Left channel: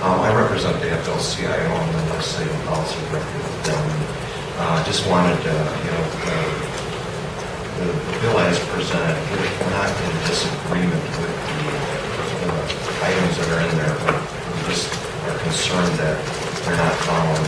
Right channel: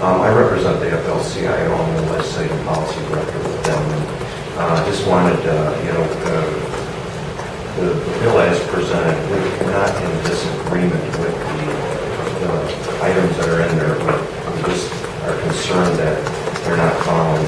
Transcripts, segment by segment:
I represent the FLCIO. I'm the legislative policy director with them. And just wanted, the bill as presented, we're not in disagreement with the items that are in there, but we just are concerned that they're not following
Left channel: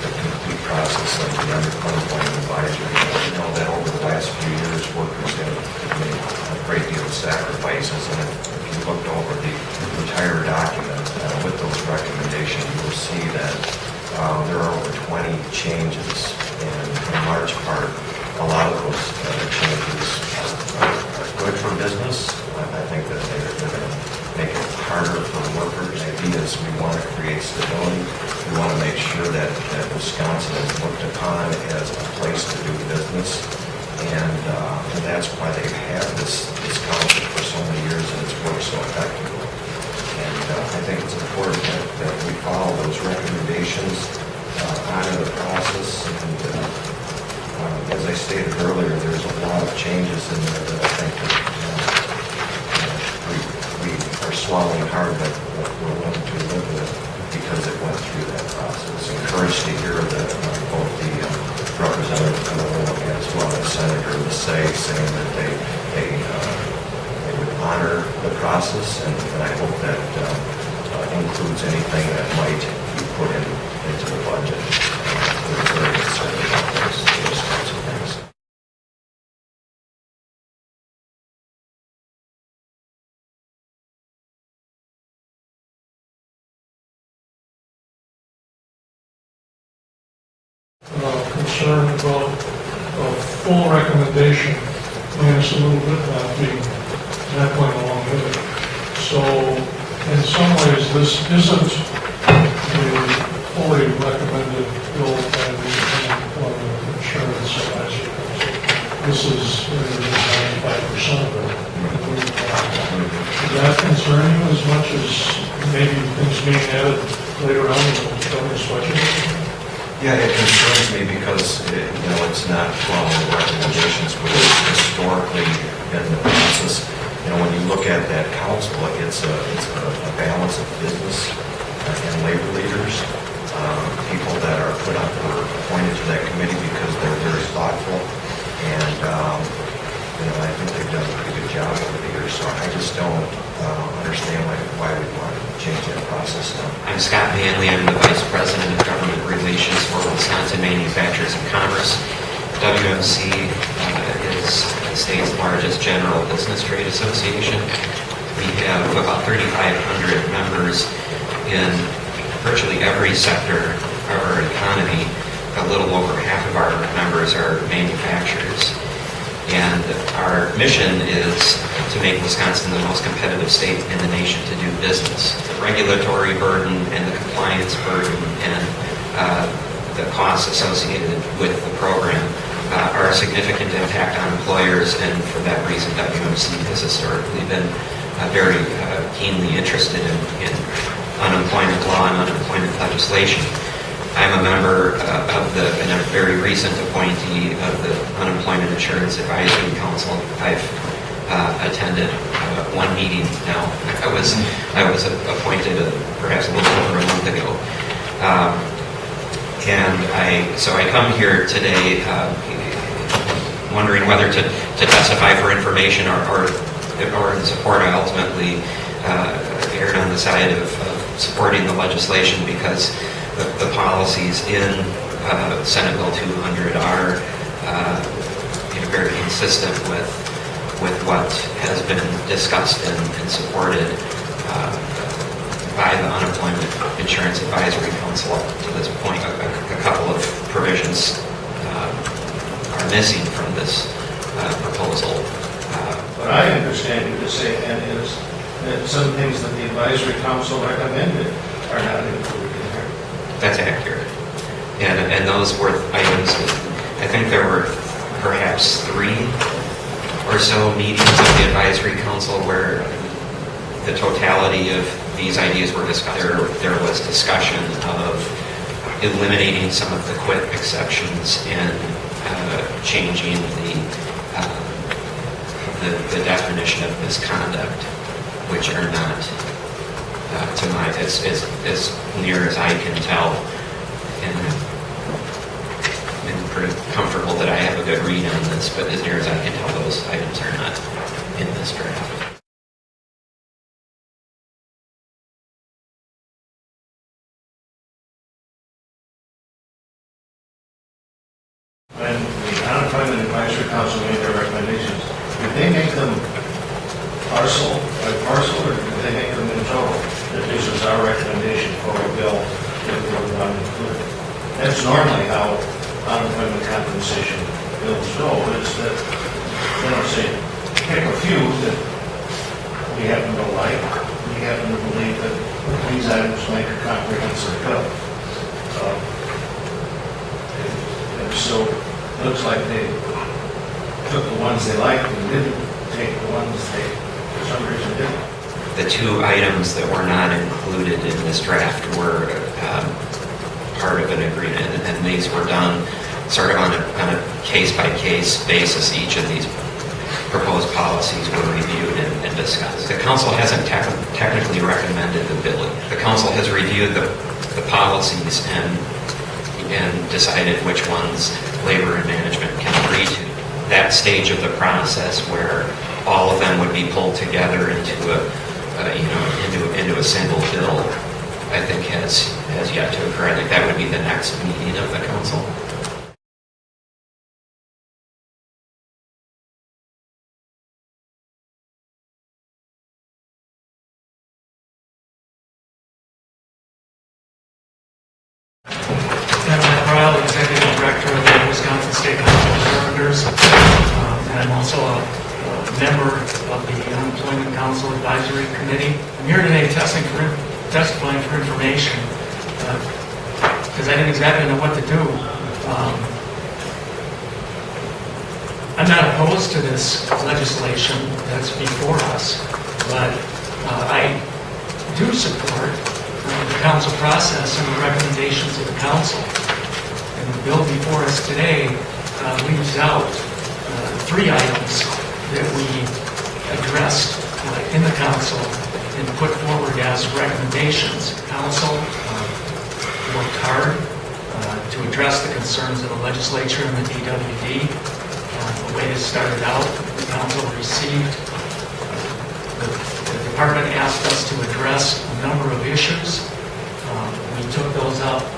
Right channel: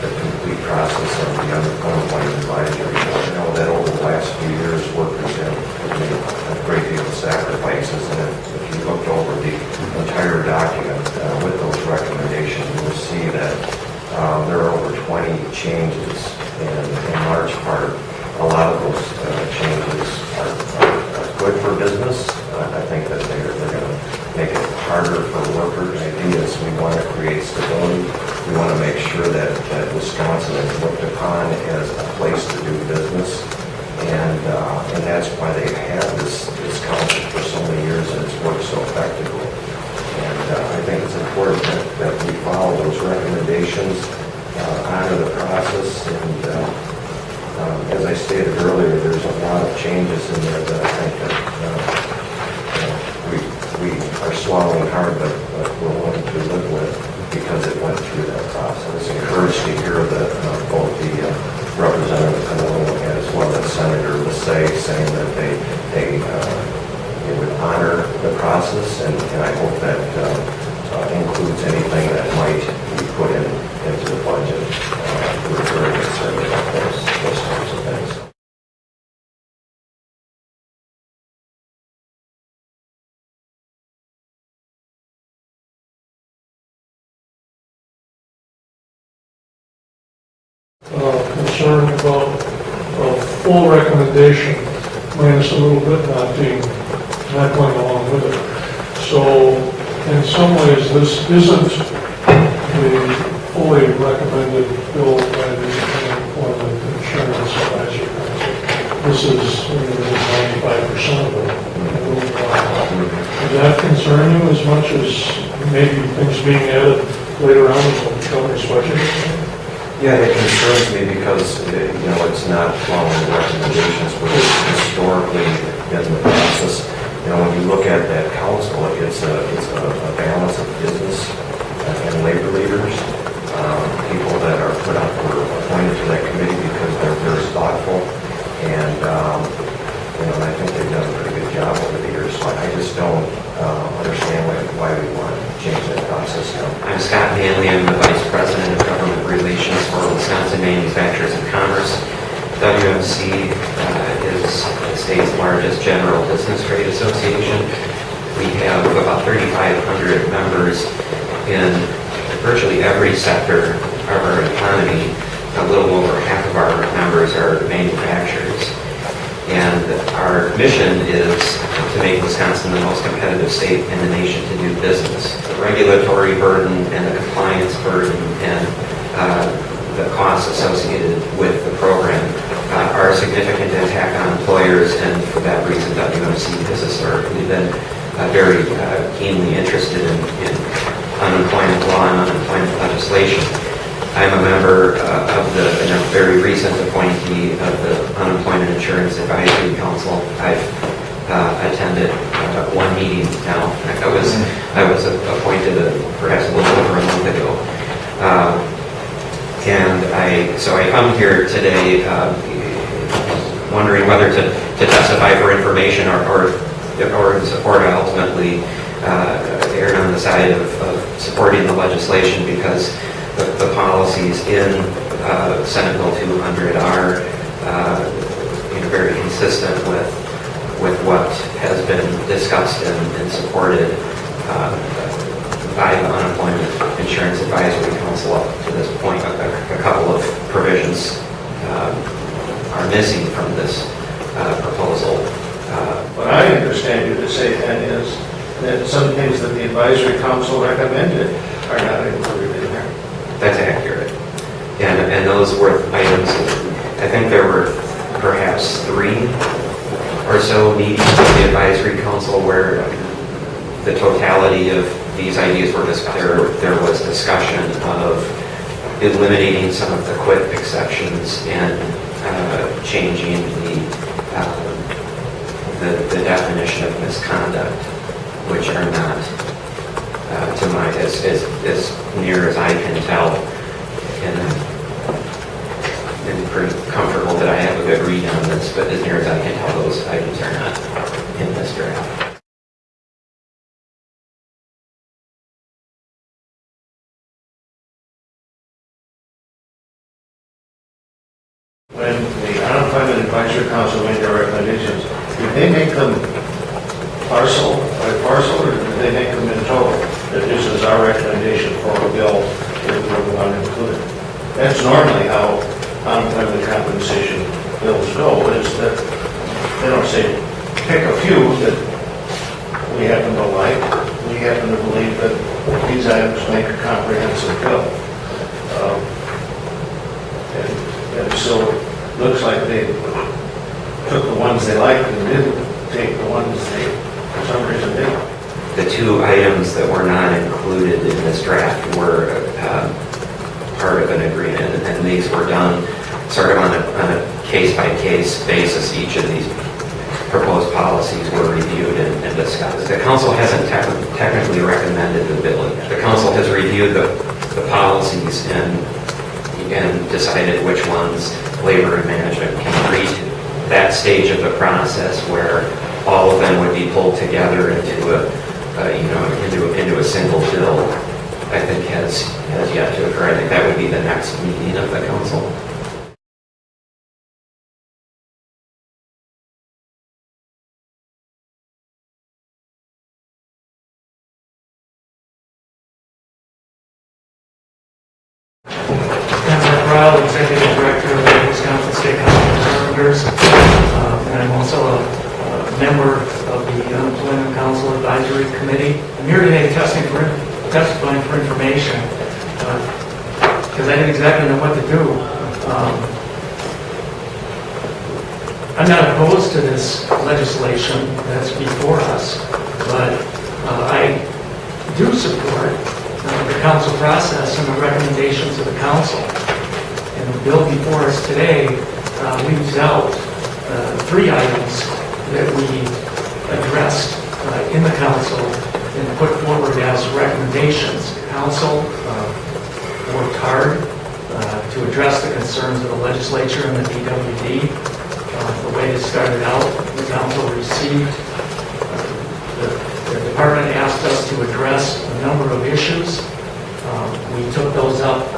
the complete process of the unemployment advisory board. You know that over the last few years, workers have made a great deal of sacrifices, and if you looked over the entire document with those recommendations, you will see that there are over 20 changes, and in large part, a lot of those changes are good for business. I think that they're going to make it harder for workers. The idea is we want to create stability. We want to make sure that Wisconsin is looked upon as a place to do business. And that's why they've had this council for so many years, and it's worked so effectively. And I think it's important that we follow those recommendations, honor the process, and as I stated earlier, there's a lot of changes in there that I think that we are swallowing hard, but we're willing to live with because it went through that process. I was encouraged to hear that both the Representative Canola as well as Senator Lassay saying that they would honor the process, and I hope that includes anything that might be put into the budget. We're very concerned about those types of things. Concern about a full recommendation minus a little bit not going along with it. So in some ways this isn't the fully recommended bill by the Unemployment Insurance Advisory Council. This is 95% of it. Does that concern you as much as maybe things being added later on in the governor's budget? Yeah, it concerns me because it's not following the recommendations, which has historically been the process. When you look at that council, it's a balance of business and labor leaders, people that are put up or appointed to that committee because they're very thoughtful, and I think they've done a pretty good job over the years. So I just don't understand why we want to change that process now. I'm Scott Manley. I'm the Vice President of Government Relations for Wisconsin Manufacturers and Commerce. WMC is the state's largest general business trade association. We have about 3,500 members in virtually every sector of our economy. A little over half of our members are manufacturers. And our mission is to make Wisconsin the most competitive state in the nation to do business. The regulatory burden and the compliance burden and the costs associated with the program are a significant impact on employers, and for that reason WMC has historically been very keenly interested in unemployment law and unemployment legislation. I'm a member and a very recent appointee of the Unemployment Insurance Advisory Council. I've attended one meeting now. I was appointed perhaps a little over a month ago. So I come here today wondering whether to testify for information or in support. I ultimately erred on the side of supporting the legislation because the policies in Senate Bill 200 are very consistent with what has been discussed and supported by the Unemployment Insurance Advisory Council up to this point. A couple of provisions are missing from this proposal. What I understand you to say, then, is that some things that the Advisory Council recommended are not included in here. That's accurate. And those were items, I think there were perhaps 3 or so meetings of the Advisory Council where the totality of these ideas were discussed. There was discussion of eliminating some of the quit exceptions and changing the definition of misconduct, which are not to my, as near as I can tell. And I'm pretty comfortable that I have a good read on this, but as near as I can tell, those items are not in this draft. When the Unemployment Advisory Council made their recommendations, did they make them parcel by parcel, or did they make them in total? That this is our recommendation for a bill that we want to include. That's normally how unemployment compensation bills go, is that they don't say, pick a few that we happen to like, we happen to believe that these items make a comprehensive bill. And so it looks like they took the ones they liked and didn't take the ones they, for some reason, didn't like. The two items that were not included in this draft were part of an agreement, and these were done sort of on a case-by-case basis. Each of these proposed policies were reviewed and discussed. The council hasn't technically recommended the bill yet. The council has reviewed the policies and decided which ones labor and management can agree to. That stage of the process where all of them would be pulled together into a single bill, I think has yet to occur. I think that would be the next meeting of the council. I'm Mark Ryle, Executive Director of the Wisconsin State Council of Carpenters, and I'm also a member of the Unemployment Council Advisory Committee. I'm here today testifying for information because I didn't exactly know what to do. I'm not opposed to this legislation that's before us, but I do support the council process and the recommendations of the council. And the bill before us today leaves out three items that we addressed in the council and put forward as recommendations. The council worked hard to address the concerns of the legislature and the DWD. The way it started out, the council received, the department asked us to address a number of issues. We took those up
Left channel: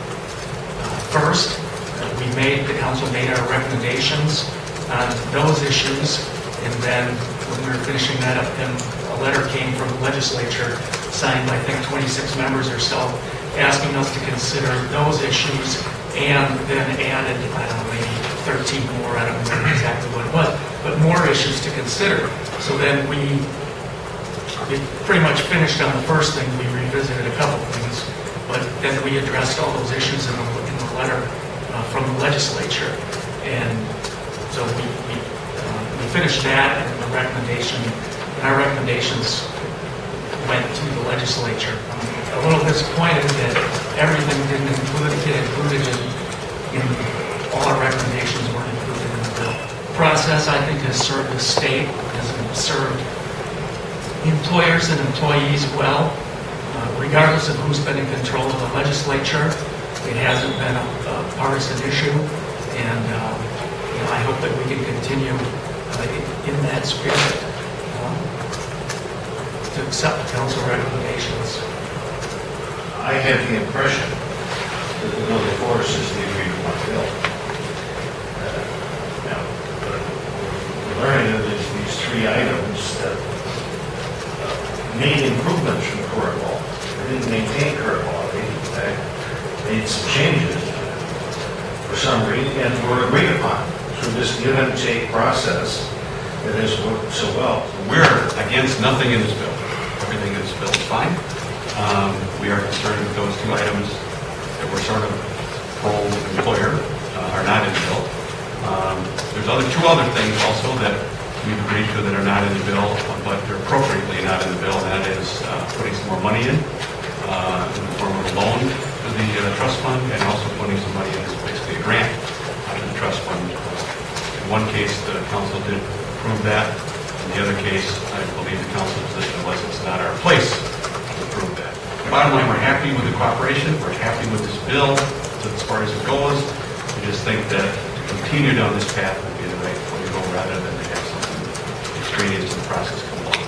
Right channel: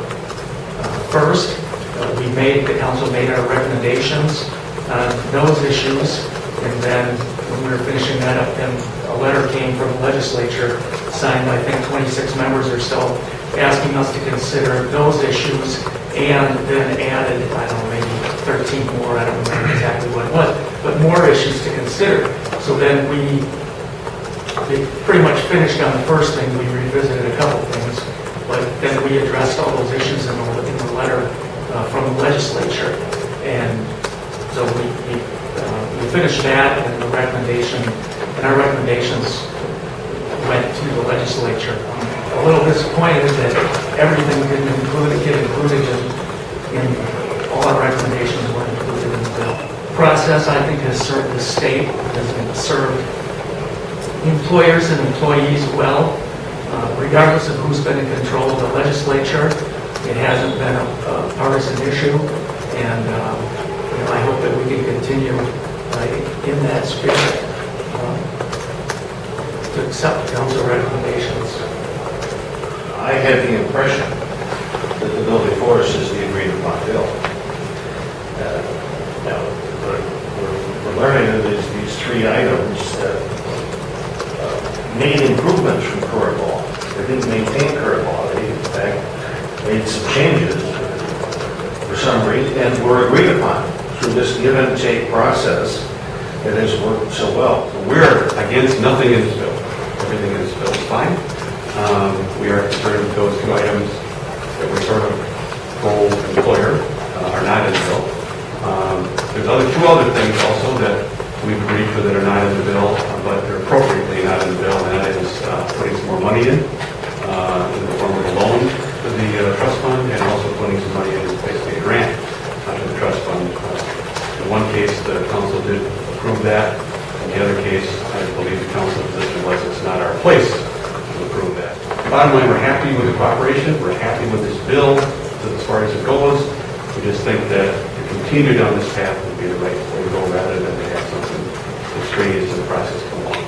first. The council made our recommendations on those issues, and then when we were finishing that up, then a letter came from the legislature, signed by, I think, 26 members or so, asking us to consider those issues, and then added, I don't know, maybe 13 more, I don't remember exactly what it was, but more issues to consider. So then we pretty much finished on the first thing. We revisited a couple things, but then we addressed all those issues in the letter from the legislature. And so we finished that, and the recommendation, and our recommendations went to the legislature. I'm a little disappointed that everything didn't get included in all our recommendations weren't included in the bill. Process, I think, has served the state, has served employers and employees well, regardless of who's been in control of the legislature. It hasn't been a partisan issue, and I hope that we can continue in that spirit to accept the council recommendations. I had the impression that the bill before us is the agreed upon bill. Now, we're learning that these three items that made improvements from current law. They didn't maintain current law. They, in fact, made some changes for some reason and were agreed upon through this give and take process that has worked so well. So we're against nothing in this bill. Everything in this bill is fine. We are concerned with those two items that were sort of pro-employer are not in the bill. There's two other things also that we've agreed to that are not in the bill, but they're appropriately not in the bill, and that is putting some more money in the form of a loan to the trust fund, and also putting some money in as basically a grant to the trust fund. In one case, the council did approve that. In the other case, I believe the council position was it's not our place to approve that. bottom line, we're happy with the cooperation, we're happy with this bill as far as it goes. We just think that to continue down this path would be the right way to go rather than to have something extraneous to the process come along.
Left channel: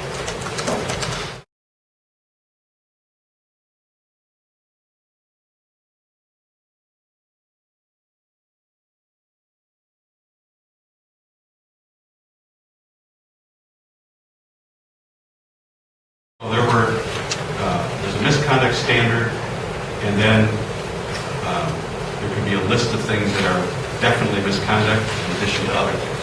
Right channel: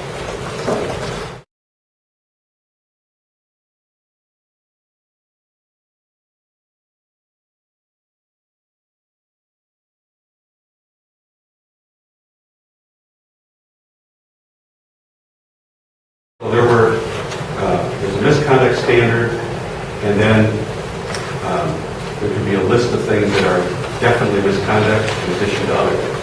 So there's a misconduct standard, and then there could be a list of things that are definitely misconduct in addition to other things.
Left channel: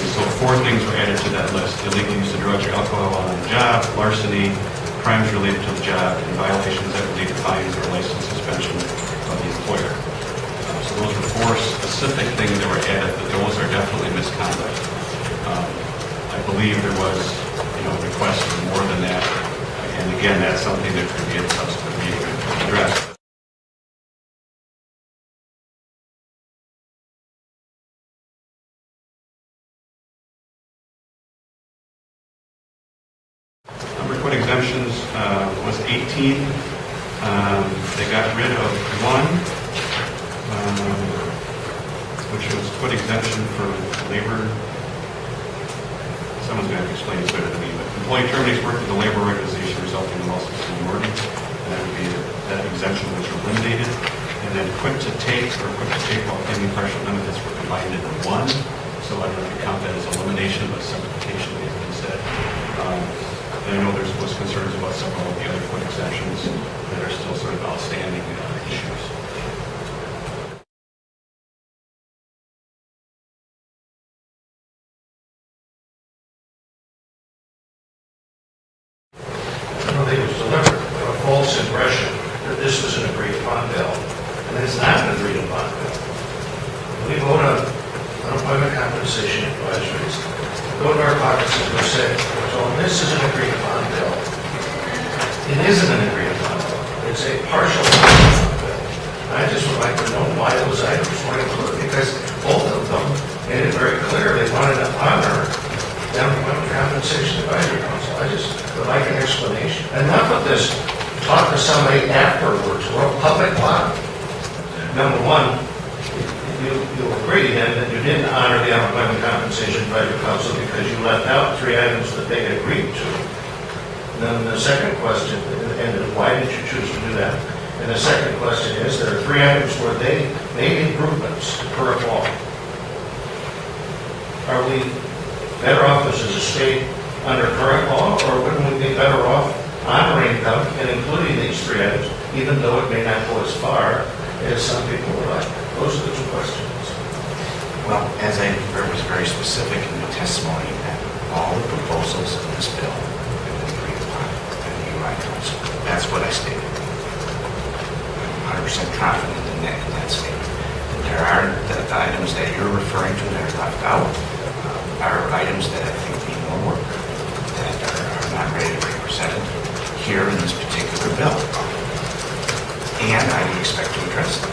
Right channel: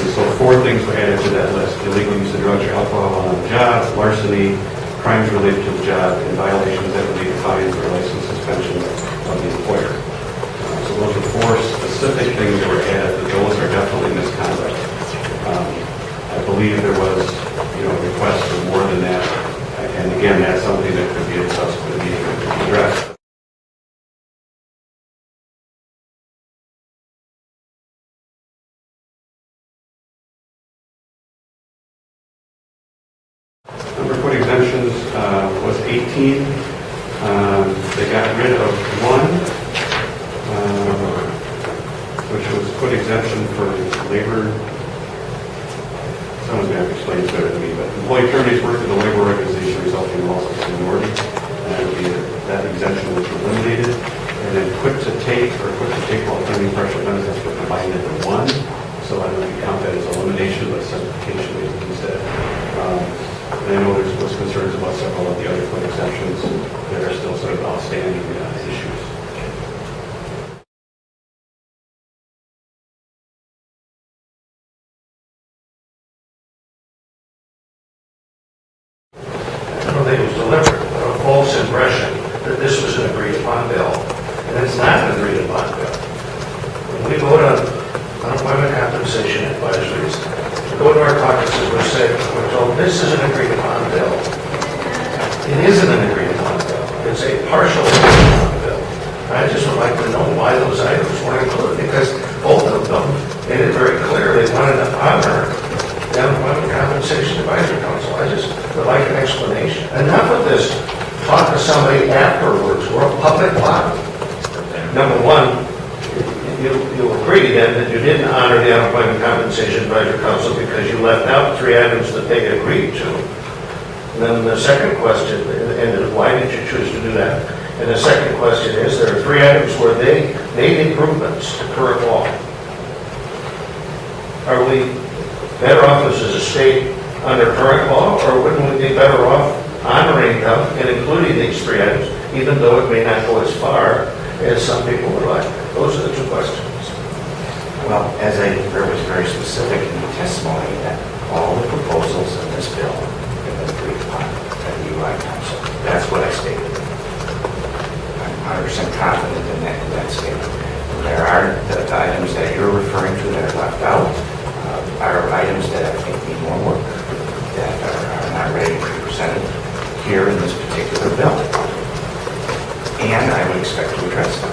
And so 4 things were added to that list: illegal use of drugs or alcohol on the job, larceny, crimes related to the job, and violations that would lead to fines or license suspension of the employer. So those are 4 specific things that were added, but those are definitely misconduct. I believe there was, requests for more than that. And again, that's something that could be at a subsequent meeting addressed. Number of quit exemptions was 18. They got rid of 1, which was quit exemption for labor. Someone's going to have to explain this better than me, but employee terminates work with a labor organization resulting in loss of seniority, and that exemption was eliminated. And then quit to take while claiming partial benefits were combined into 1. So I don't know if you count that as elimination, but simplification maybe instead. And I know there was concerns about several of the other quit exemptions that are still sort of outstanding issues. I don't think it was deliberate, but a false impression that this was an agreed-upon bill, and it's not an agreed-upon bill. When we vote on unemployment compensation advisories, we go to our caucuses, we say, we're told this is an agreed-upon bill. It isn't an agreed-upon bill. It's a partial agreed-upon bill. I just would like to know why those items weren't included, because both of them made it very clear they wanted to honor the Unemployment Compensation Advisory Council. I just would like an explanation. Enough of this talk to somebody afterwards. We're a public body. Number one, you agree then that you didn't honor the Unemployment Compensation Advisory Council because you left out 3 items that they agreed to. And then the second question, and why did you choose to do that? And the second question is, there are 3 items where they made improvements to current law. Are we better off as a state under current law, or wouldn't we be better off honoring them and including these 3 items, even though it may not go as far as some people would like? Those are the 2 questions. Well, as I was very specific in the testimony, that all the proposals in this bill have been agreed upon by the UI Council. That's what I stated. I'm 100% confident in that statement. And there are the items that you're referring to that are left out are items that I think need more work, that are not ready to be presented here in this particular bill. And I would expect to address them.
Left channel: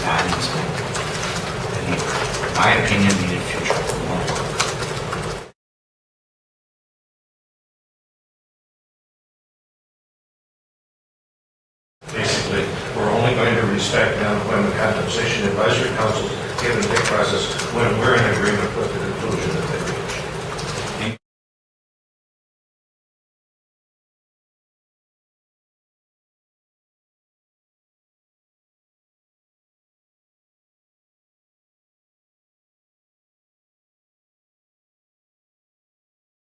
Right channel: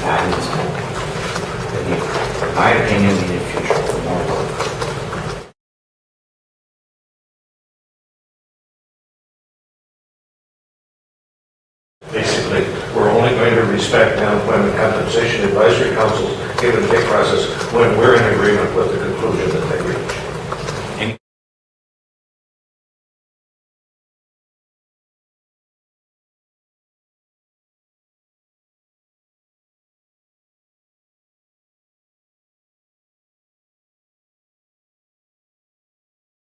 Not in this bill. They need, in my opinion, needed future more work. Basically, we're only going to respect the Unemployment Compensation Advisory Council's give and take process when we're in agreement with the